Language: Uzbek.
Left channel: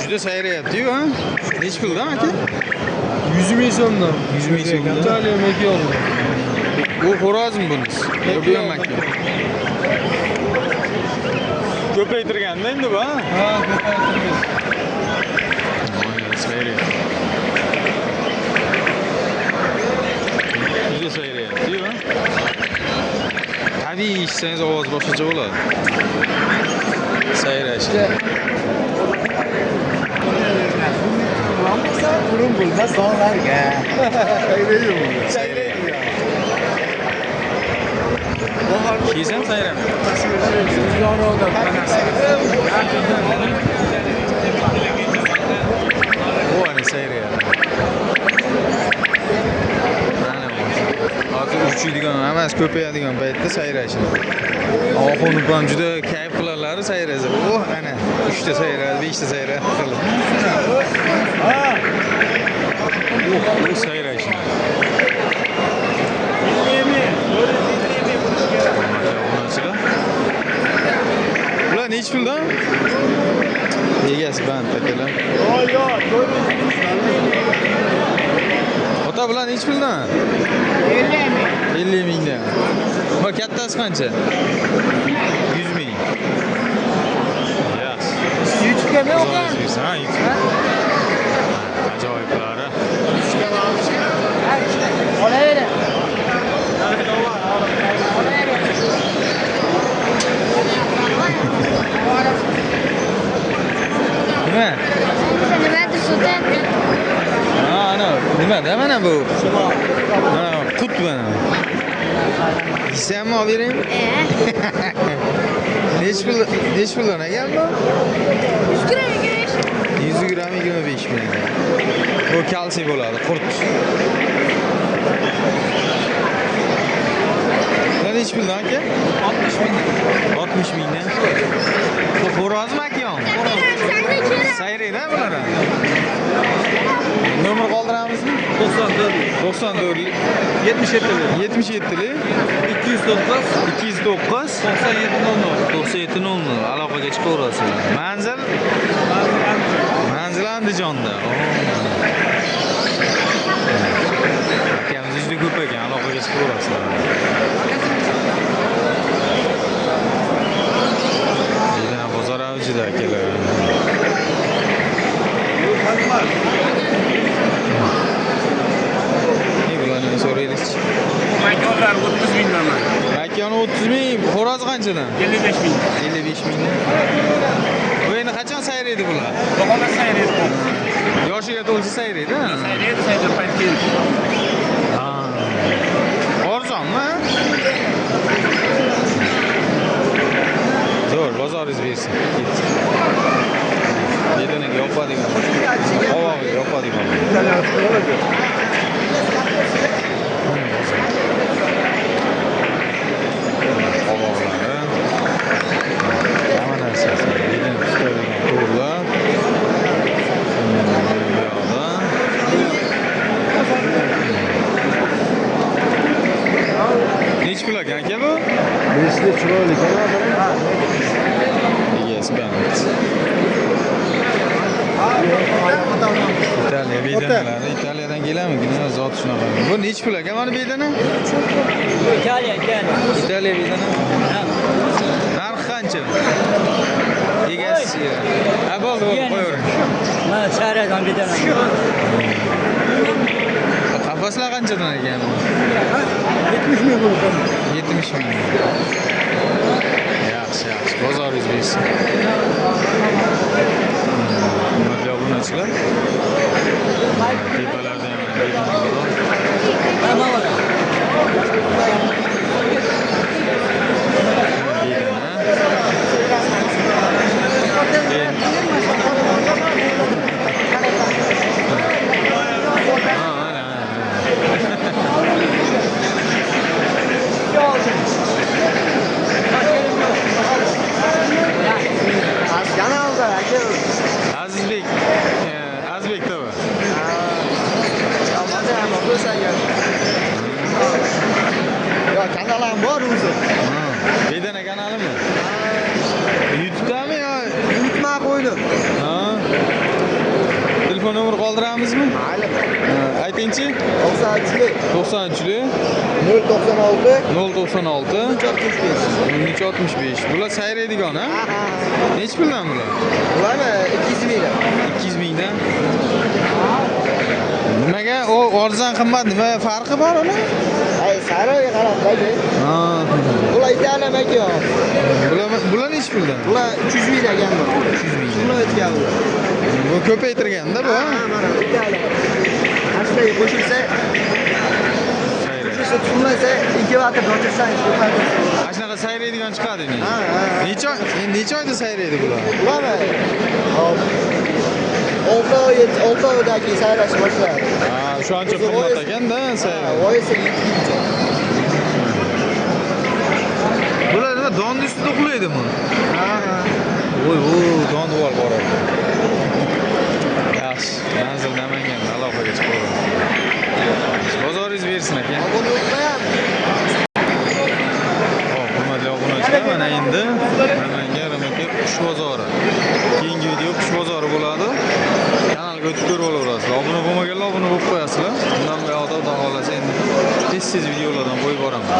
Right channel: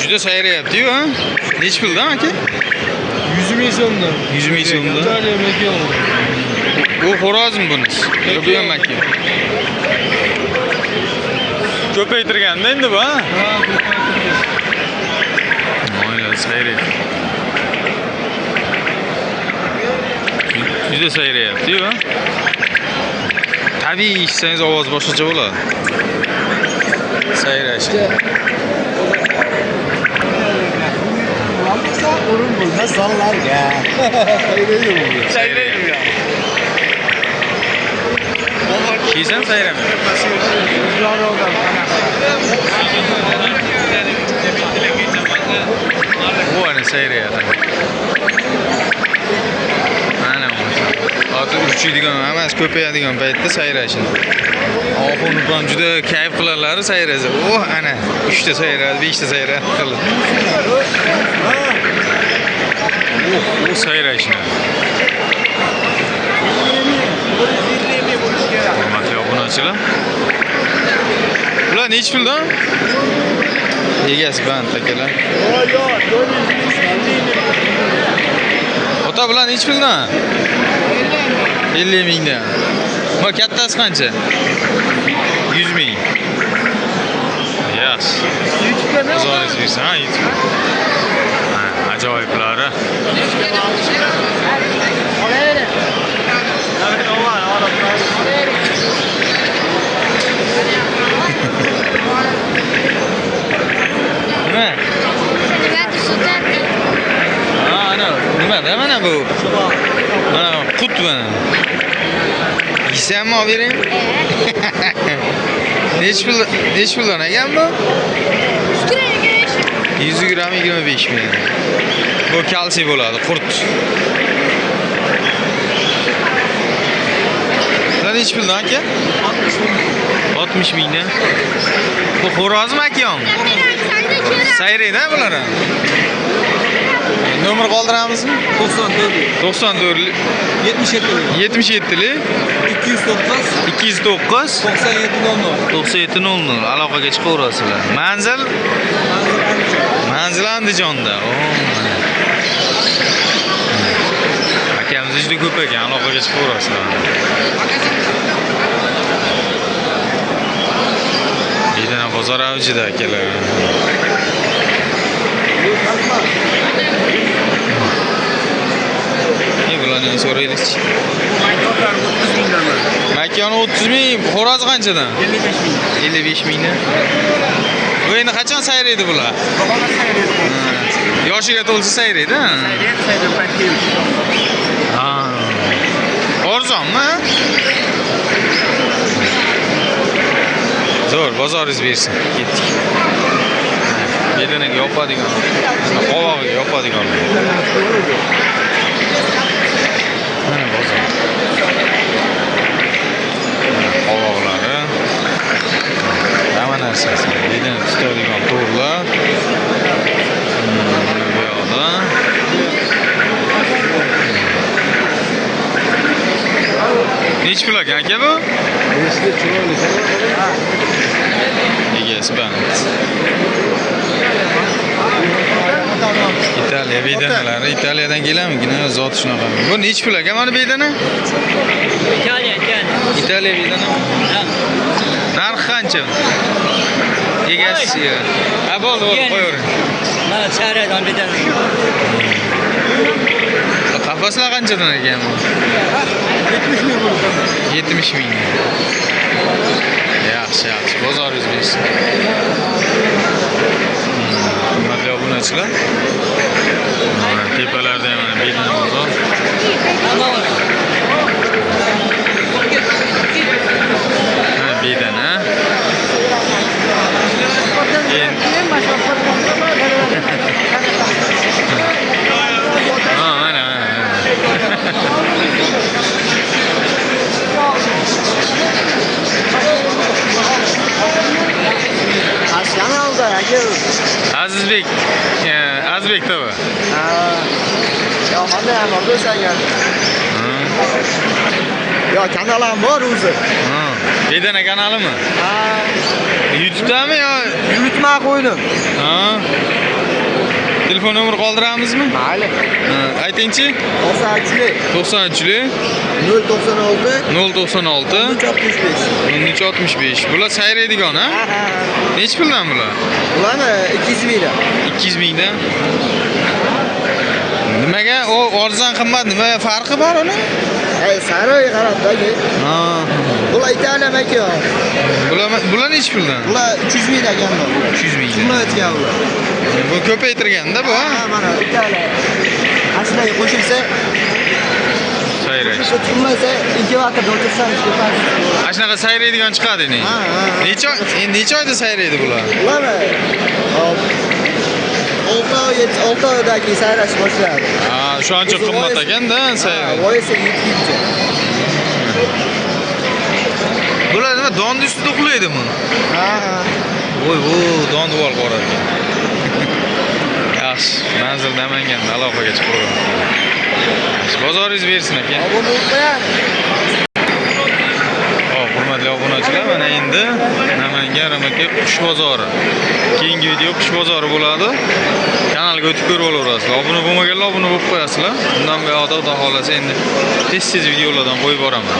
Juda sayrayapti-yu, ha? Nech puldan aka? 100 ming so'mdan. 100 ming so'mdan. Italiya makon. Bu xo'rozmi bunisi? Yo, bu ham makon. Ko'paytirganda endi bu, ha? Mayli, sayrayapti. Juda sayrayapti-yu, ha? Tabiiy eshitsangiz ovoz boshqacha bo'ladi. Sayrashi. O'rin bo'lmas sonlarga. Sayrayapti. Kiysam sayramaydi. Bu ana sayrayapti. Mana bu. Hozir uchiydigan emas, ko'payadigan paytda sayrashini. Oxunukon juda kayf qilarlar sayrasa. Oh, ana 3 ta sayradi, 5 ta sayradi qilib. Bu sayrashini. Hurmatli obunachilar. Bular nech puldan? Egasi band akalar. Ota bular nech puldan? 50 mingdan. Bu kattasi qancha? 100 ming. Yaxshi. Bozoringiz bersin, ha, YouTube. Ha, ajoyiblari. Nima? Ha, ana, nima-da mana bu? Mana qut mana. Yeysanmi olib beraymi? Nech puldan ekan bu? 100 gram 25 ming. Bu kalsiy bo'ladi, qurt. Bular nech puldan aka? 60 ming. 60 mingdan. Bu xo'rozmi aka? Sayraydi bular ham. Nomer qoldiramizmi? 94 77 209 9700 aloqaga chiqaverasizlar. Manzil Andijonda. Akamiz juda ko'p ekan, aloqaga chiqaverasizlar. Bedana bozor avjida akalar. Bularni so'raylik. Makonlar 30 mingdan. Makon 30 ming, xo'roz qanchadan? 55 ming. 55 mingdan. Bu endi qachon sayraydi bular? Bahona sayraydi. Yoshiga to'lsa sayraydi, ha? Sayraydi, payt. Ha. Arzonmi? Zo'r, bozoringiz bersin. Ketdik. Bedanaga yopadigan, qovog'iga yopadigan. Mana bozor. Qovoqlari. Hamma narsasi. Bedana tutadigan to'rlar. Mana bu yoqda. Nech pul ekan aka bu? Egasi band. Italiya bedanalari, Italiyadan kelamigina zot shunaqa. Bu nech pul aka mana bedana? Italiya. Italiya bedana. Narxi qancha? Egasi. Ha, bo'ldi, qo'yavering. Ha, sayraydi bedana. Qafaslar qanchadan ekan bu? 70 ming bo'ldi. 70 ming. Yaxshi. Bozoringiz bersin. Hurmatli obunachilar. Mana tepalarda ham mana bedana bozor. Mana bedana. Ha, mana. Azizbek tabi. Ya kanalim bor o'zi. Bedana kanalimi? YouTube'dami yo? Yurtma qo'ydim. Ha. Telefon nomeri qoldiramizmi? Mayli. Ha, aytingchi. 93 90-lik 096 096 65. 1365. Bular sayraydigan, ha? Nech puldan bular? Ularni 200 mingdan. 200 mingdan. Nimaga? O arzon qimmat, nima farqi bor uni? Ay, saroyga qarab-da. Ha. Bular Italiya makon. Bular nech puldan? Bular 300 mingdan ekan. 300 mingdan. Shuni aytgan bu. Bu ko'paytirganda bu, ha? Mana Italiya. Mashinga qo'shilsa, Sayrash. tutilmasa, 2 vaqt bo'tirsangiz ko'padi. Ana shunaqa sayraydigan chiqadi ne? Necha oyda sayraydi bular? Ularni 6 oydagi sayrash boshlanadi. Ha, shu ancha qimmat ekan-da sayraydi. Voyisi 7 kuncha. Bular nima donni ustida uxlaydimi? Ha. Voy, donni bor bor ekan. Yaxshi, manzil Namanganda aloqaga chiqib qo'ygan. Bozoringiz bersin aka. Hop, hurmatli obunachilar, mana endi Namangan Ramaka qush bozori. Keyingi video qush bozori bo'ladi. Kanalga o'tib ko'rib olaverasizlar. Obuna bo'lmaganlar obuna bo'lib qo'yasizlar. Undan buyoqda xudo xolasa endi tez videolardan qo'yib boraman.